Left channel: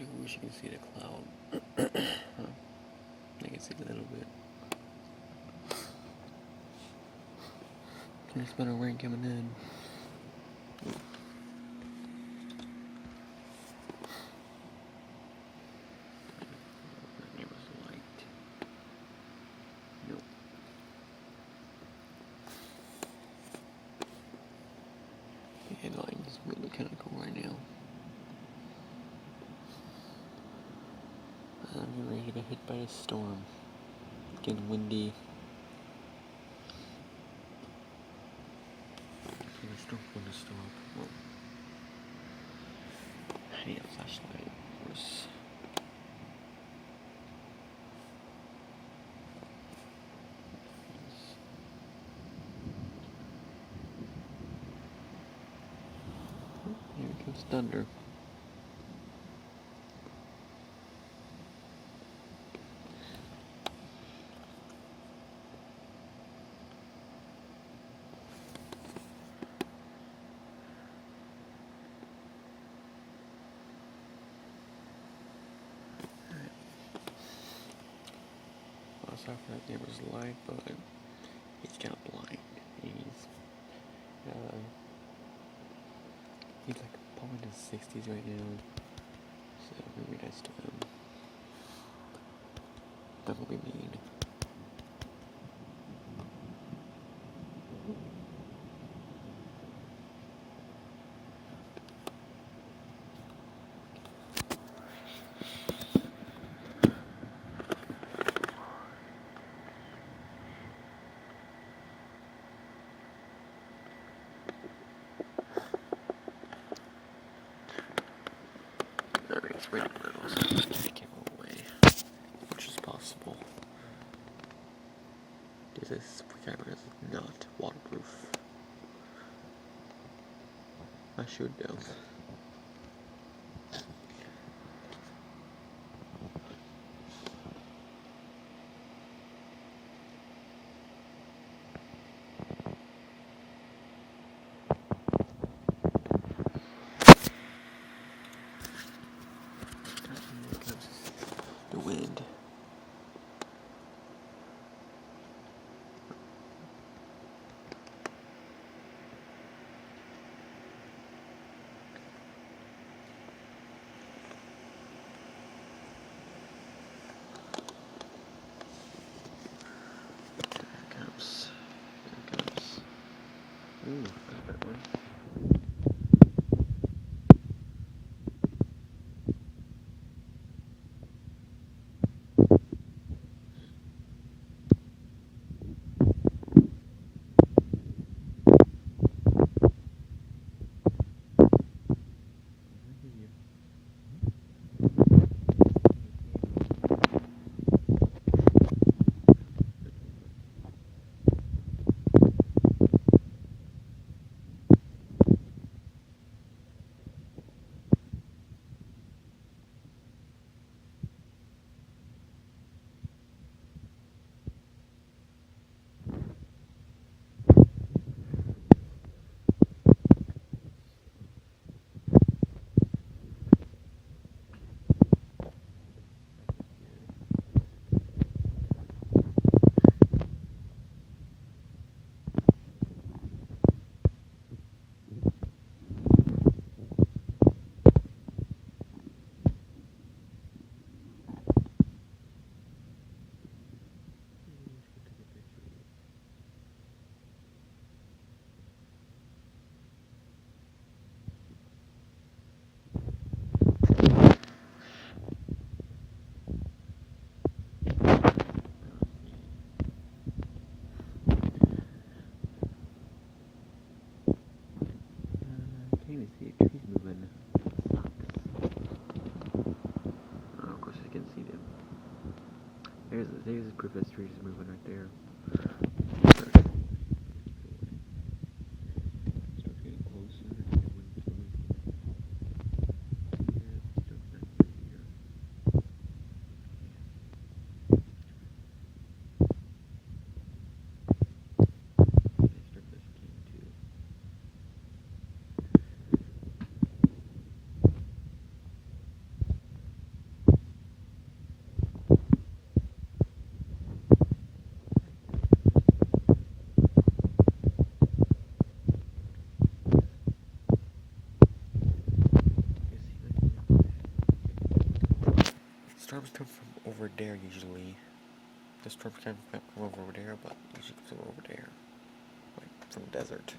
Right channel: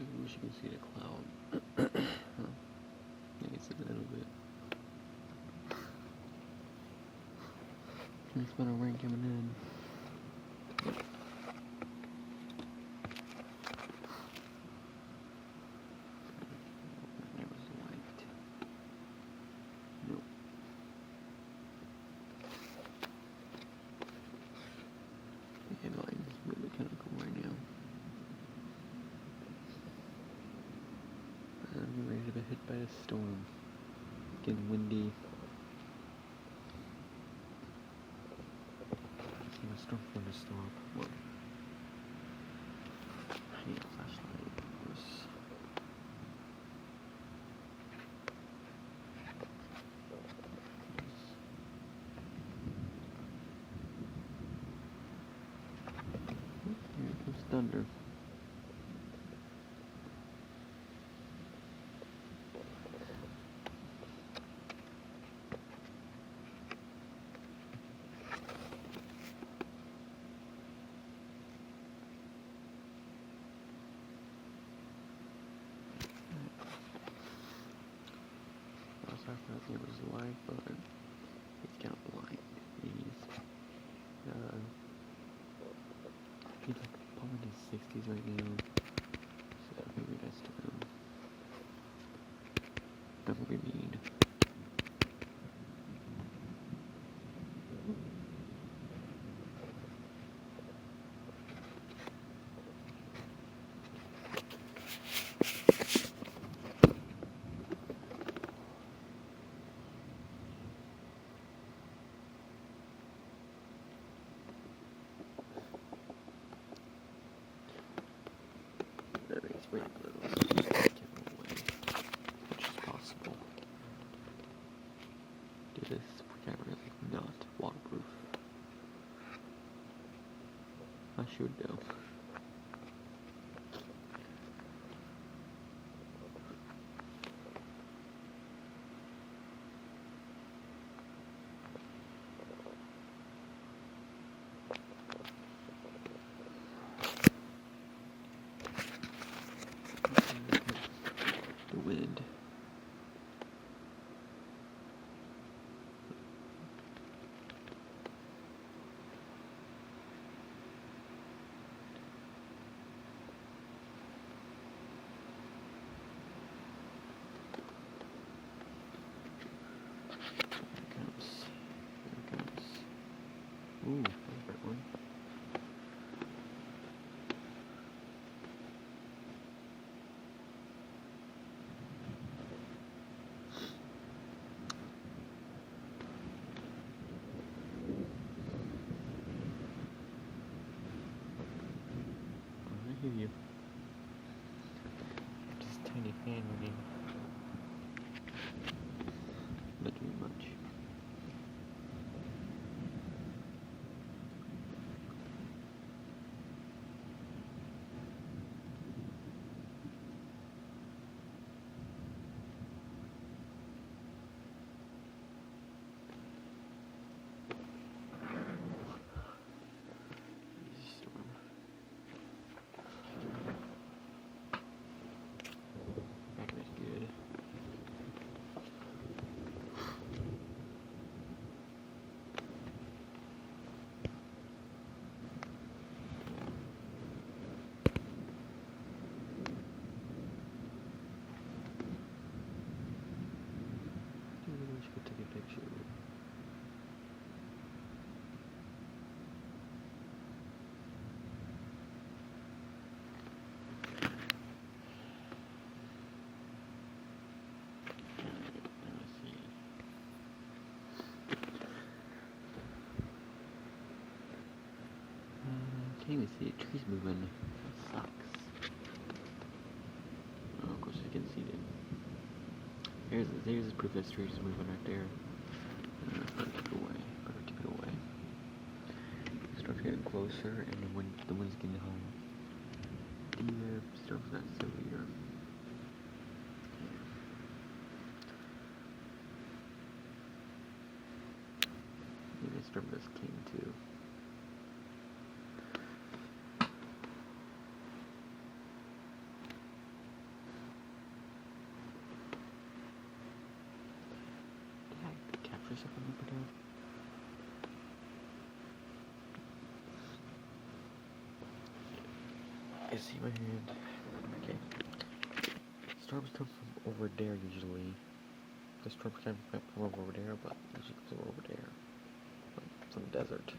do wish you can see the cloud. I can see a little bit. There's been a rain coming in. There was light. Nope. The headline is really kind of cool right now. I'm ready to get hit by a storm. It's getting windy. The storm's going to stop. What? I need a flashlight, of course. Here comes thunder. Sorry for that neighbor's light, but he's kind of blind. He's like probably in his 60s right now, so maybe nice to him. Don't be mean. Alright, it's raining a little, so I can't move away, which is possible. This camera is not waterproof. I should though. The wind. There it comes. Ooh, that's a bad one. I hear you. Just tiny fan running. Not doing much. Can't even see the trees moving. It sucks. Oh, of course I can see them. There's proof that the trees is moving right there. Better keep it away. Better keep it away. It starts getting closer, and the wind's getting home. The stuff that's still here. The storm just came too. storms come from over there usually. The storms come from over there, but usually come from over there, like from the desert.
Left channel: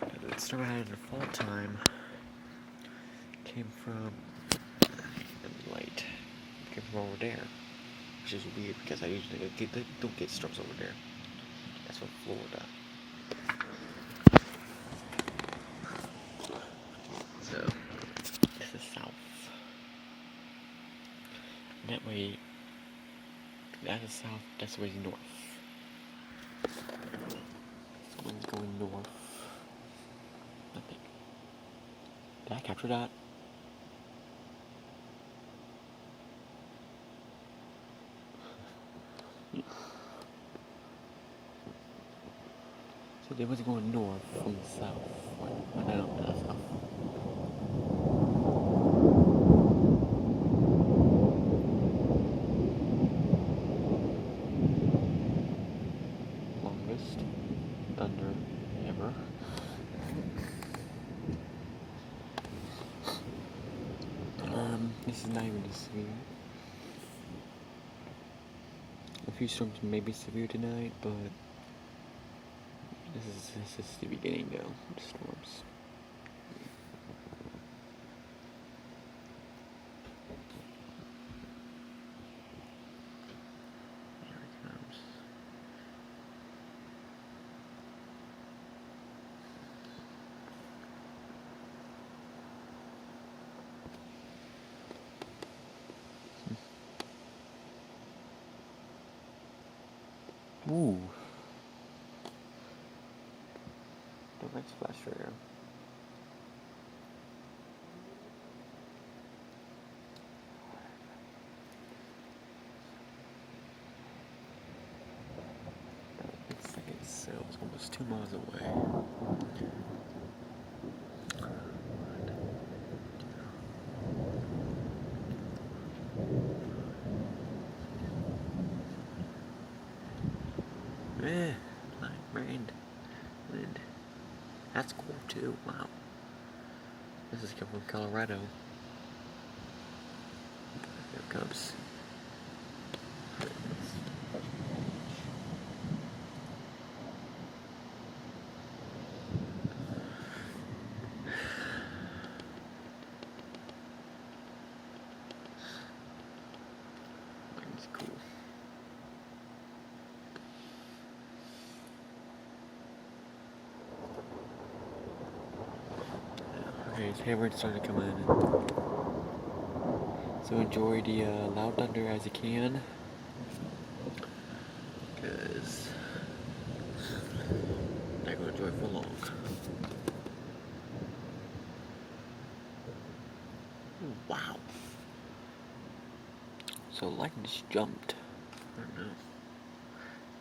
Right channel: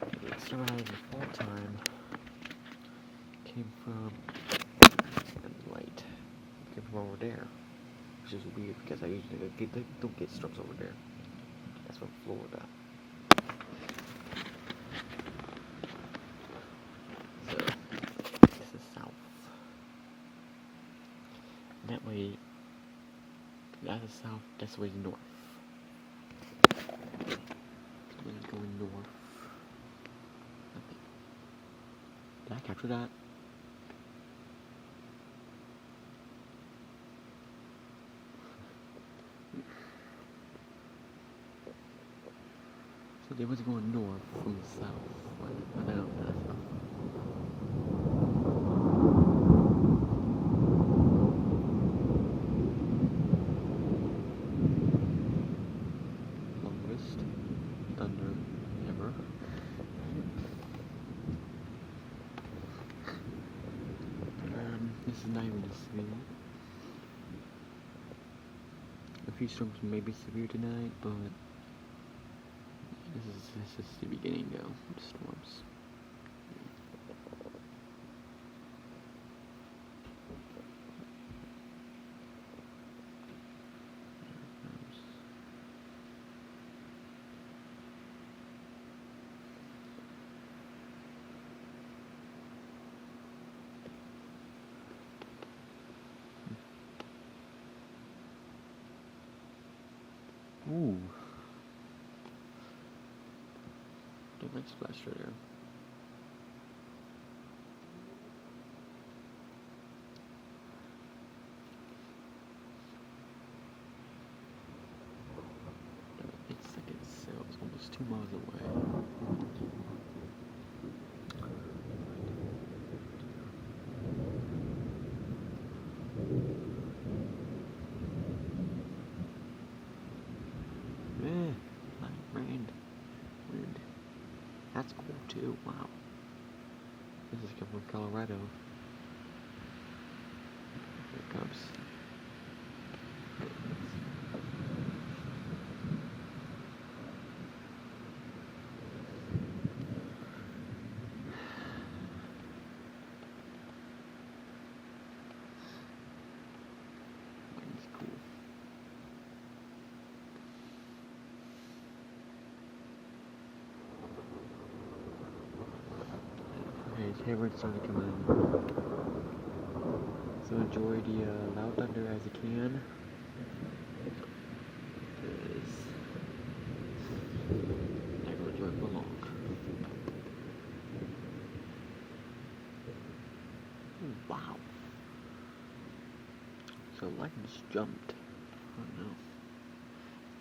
The storm I had in the fall time came from light. Came from over there, which is weird because I usually don't get storms over there. That's from Florida. So this is south. And that way, that's south. That's way north. So wind's going north. Nothing. Did I capture that? So they was going north from the south. I don't know, that's south. Longest thunder ever. This is not even as severe. A few storms may be severe tonight, but this is the beginning though of the storms. There it comes. Ooh. The red splash there. It's like it's almost 2 miles away. Rain. Wind. That's cool too. Wow. This is coming from Colorado. Here it comes. Wind's cool. Okay, so everyone's starting to come in. So enjoy the loud thunder as you can, because I'm not going to enjoy it for long. Wow. So lightning just jumped. I don't know.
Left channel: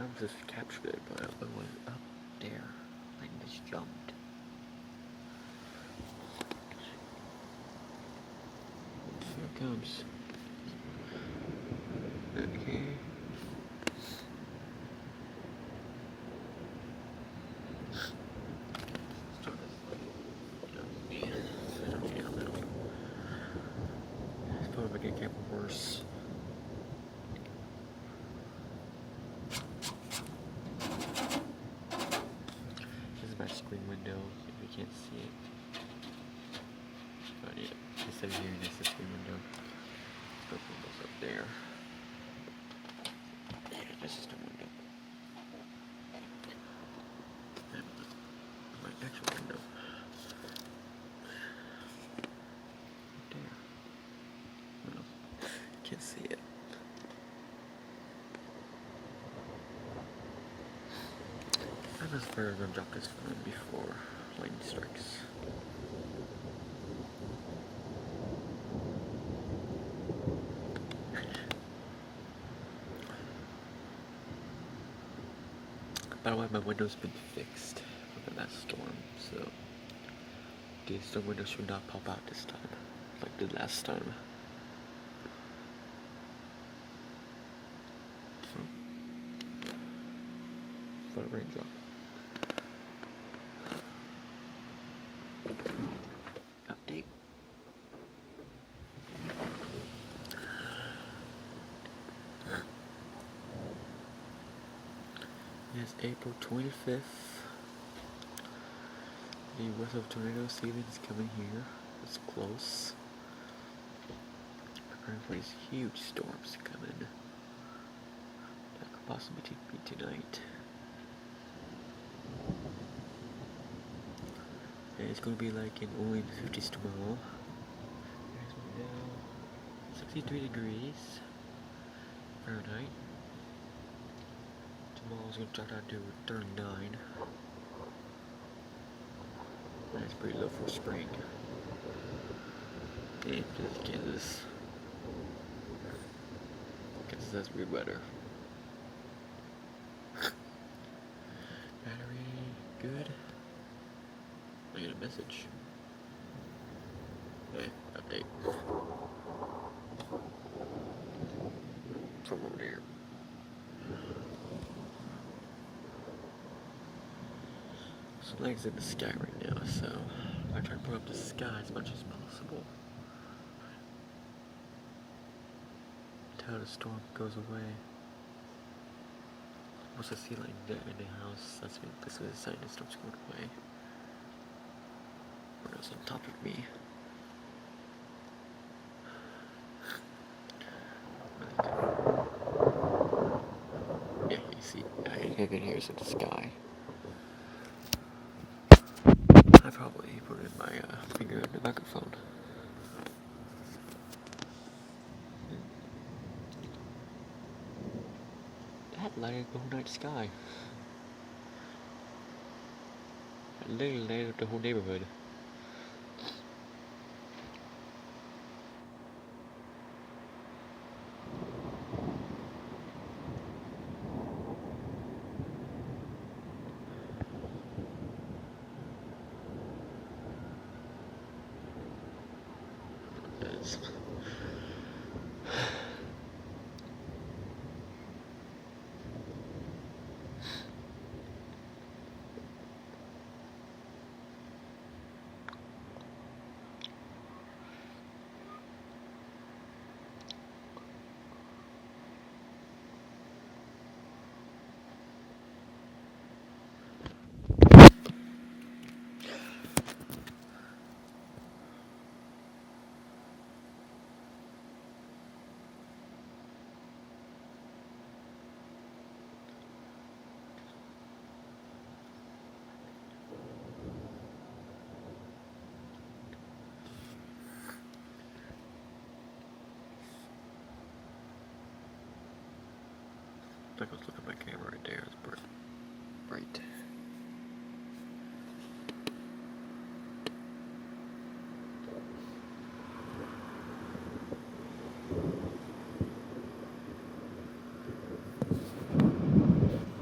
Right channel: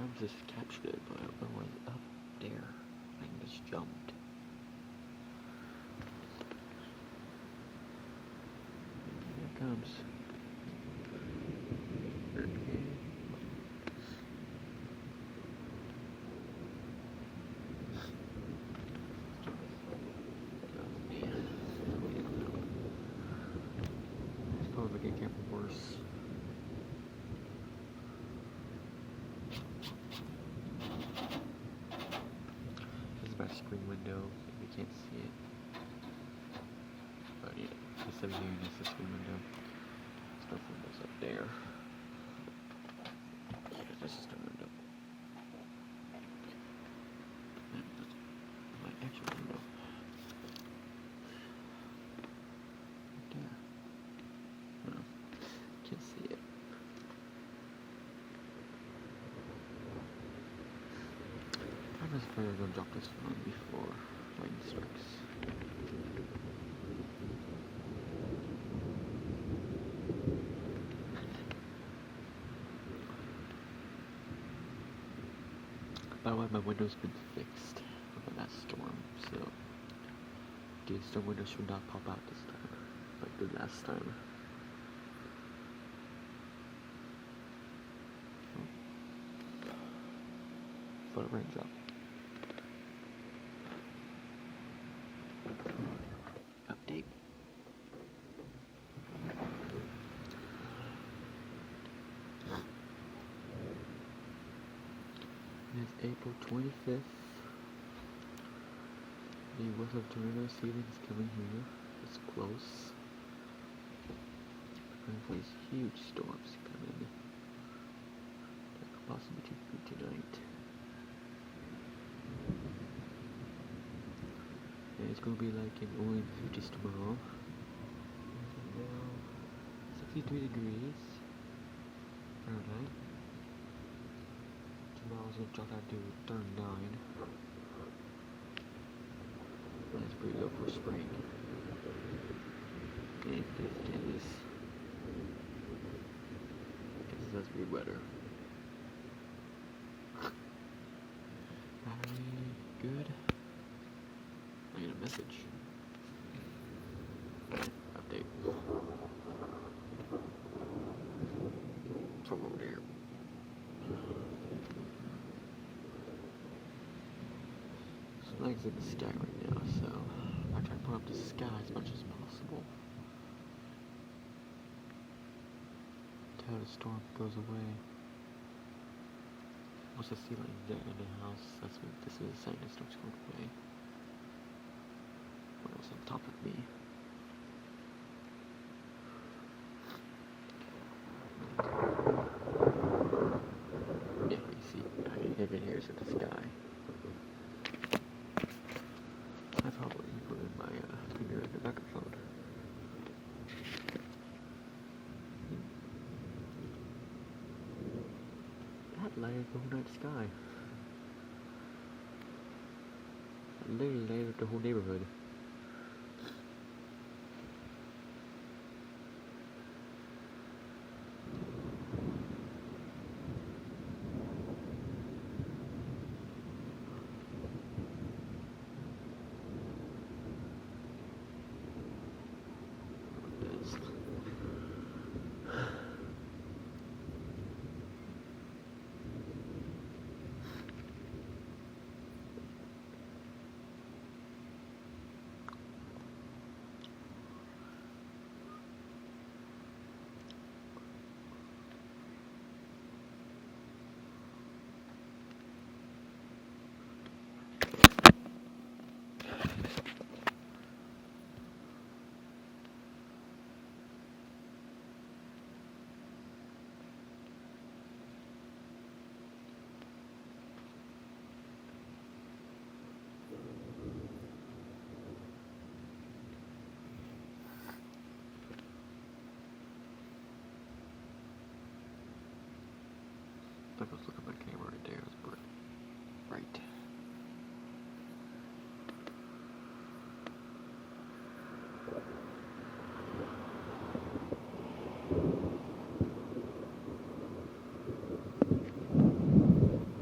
I just captured it, but it was up there. Lightning just jumped. Here it comes. Okay. It's probably gonna get worse. This is my screen window, if you can't see it. But yeah, instead of here, this is the screen window. Let's put those up there. There, this is the window. And this is my actual window. There. Well, can't see it. I was afraid to drop this phone before lightning strikes. By the way, my window's been fixed from the last storm, so the storm window should not pop out this time, like the last time. So, but it rains out. Update. It's April 25th. The worst of tornado season is coming here. It's close. Preparing for these huge storms coming. That could possibly take me tonight. And it's gonna be like in only the 50s tomorrow. As of now, 63 degrees Fahrenheit. Tomorrow's gonna drop down to 39. That's pretty low for spring. And Kansas. Kansas has weird weather. Battery good. I get a message. Update. From over there. Flags in the sky right now, so I try to put up the sky as much as possible until the storm goes away. Once I see like there in the house, that's when the sign that starts going away. What else on top of me? Yeah, you see, I can hear in the sky. I probably put in my finger in the microphone. That lighted the whole night sky. That literally lighted up the whole neighborhood. I was looking at my camera right there. It's bright.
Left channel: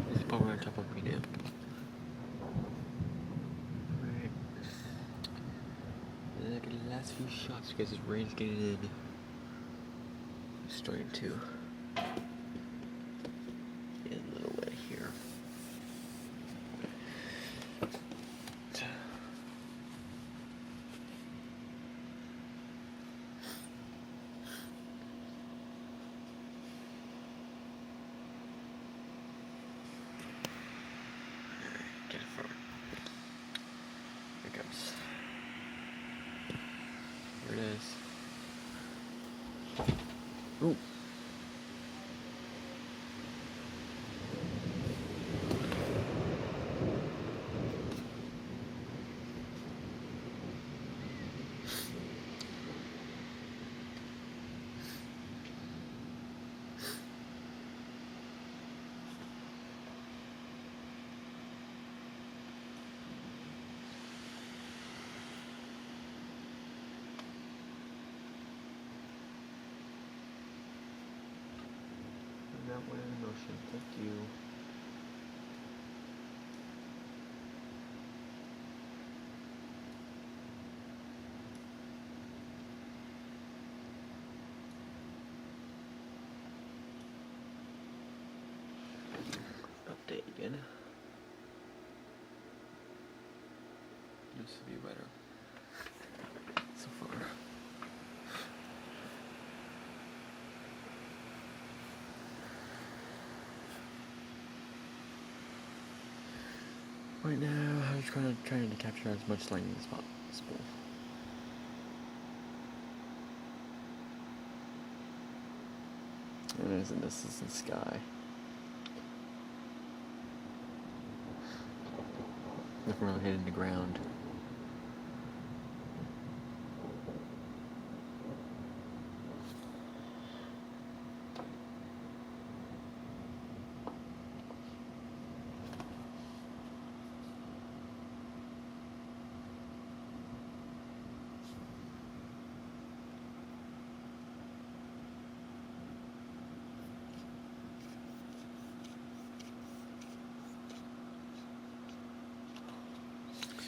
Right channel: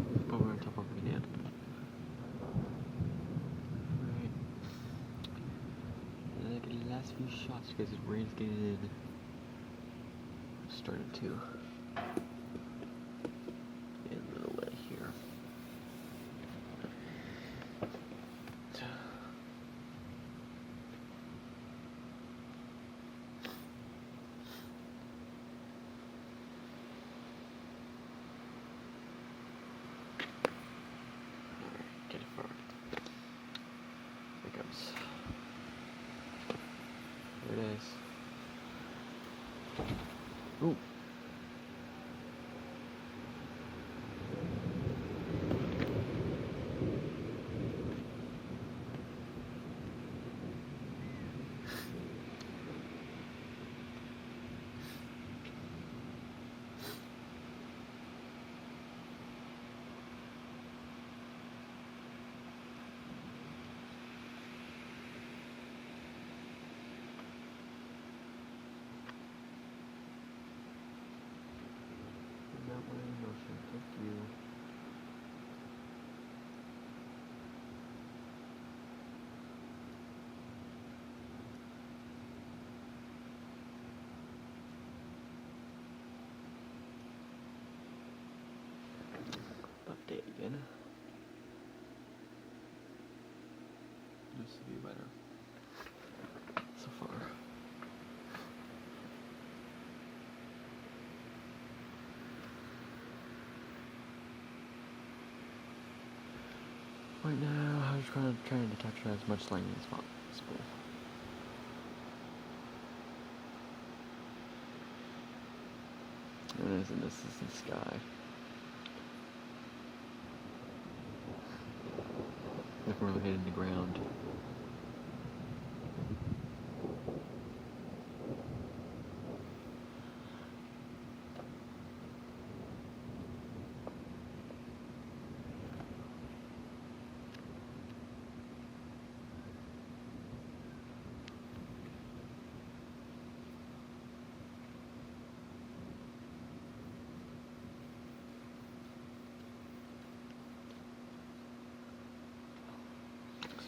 This is probably on top of me now. Alright. Look at the last few shots because this rain's getting in. It's starting to. There it is. Ooh. That way in motion. Thank you. Update again. This would be better so far. right now, I'm just kind of trying to capture as much lightning as possible. And this is the sky. Nothing really hitting the ground.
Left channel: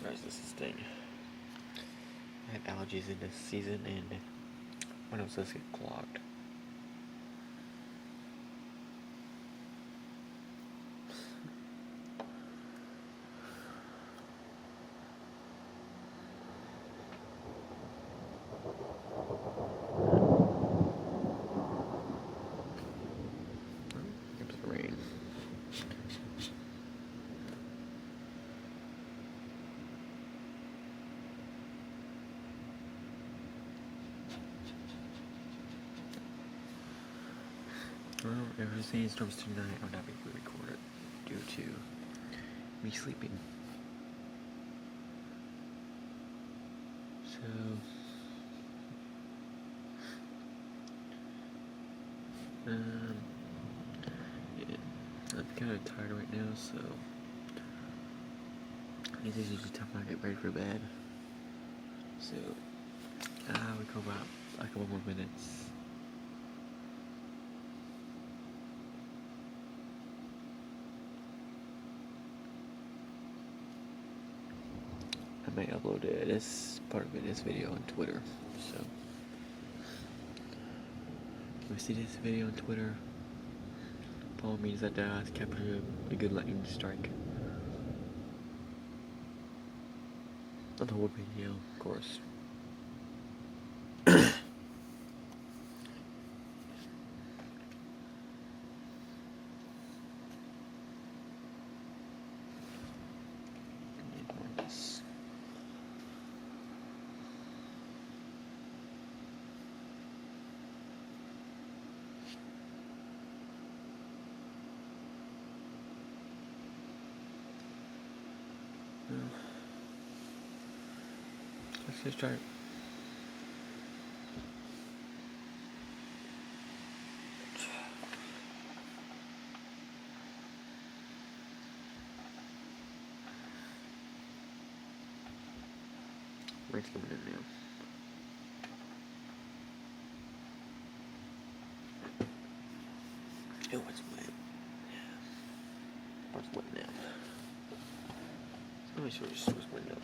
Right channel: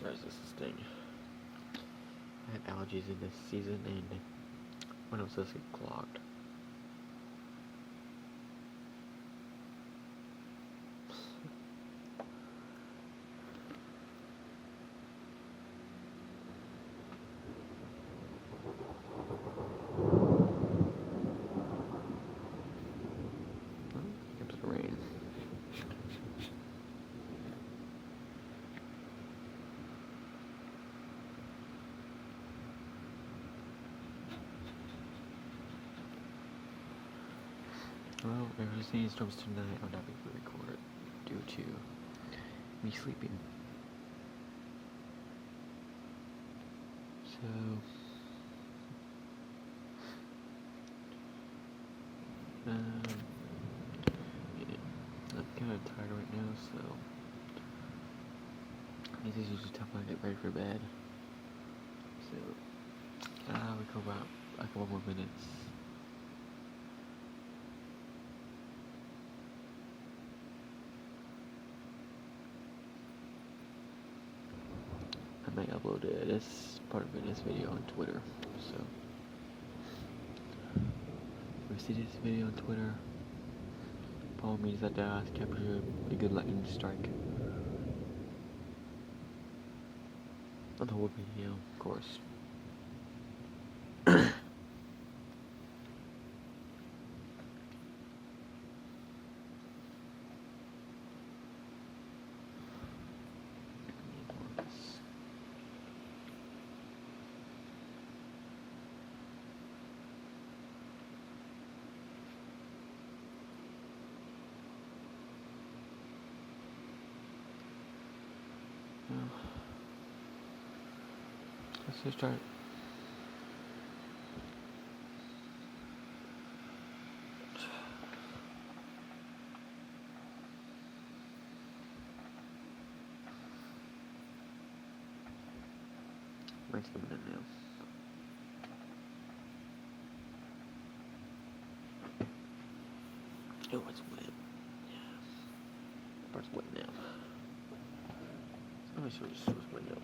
Sorry, this is thing. I had allergies in this season, and my nose does get clogged. Here's the rain. Well, if there's any storms tonight, I would not be able to record it due to me sleeping. So, yeah, I'm kind of tired right now, so this is usually time I get ready for bed. So, we go about a couple more minutes. I may upload this part of this video on Twitter, so if you see this video on Twitter, follow me that capture a good lightning strike. Not the whole video, of course. Let's just start. Rain's coming in now. Oh, it's wet. Yeah. It's wet now. Let me show you this window.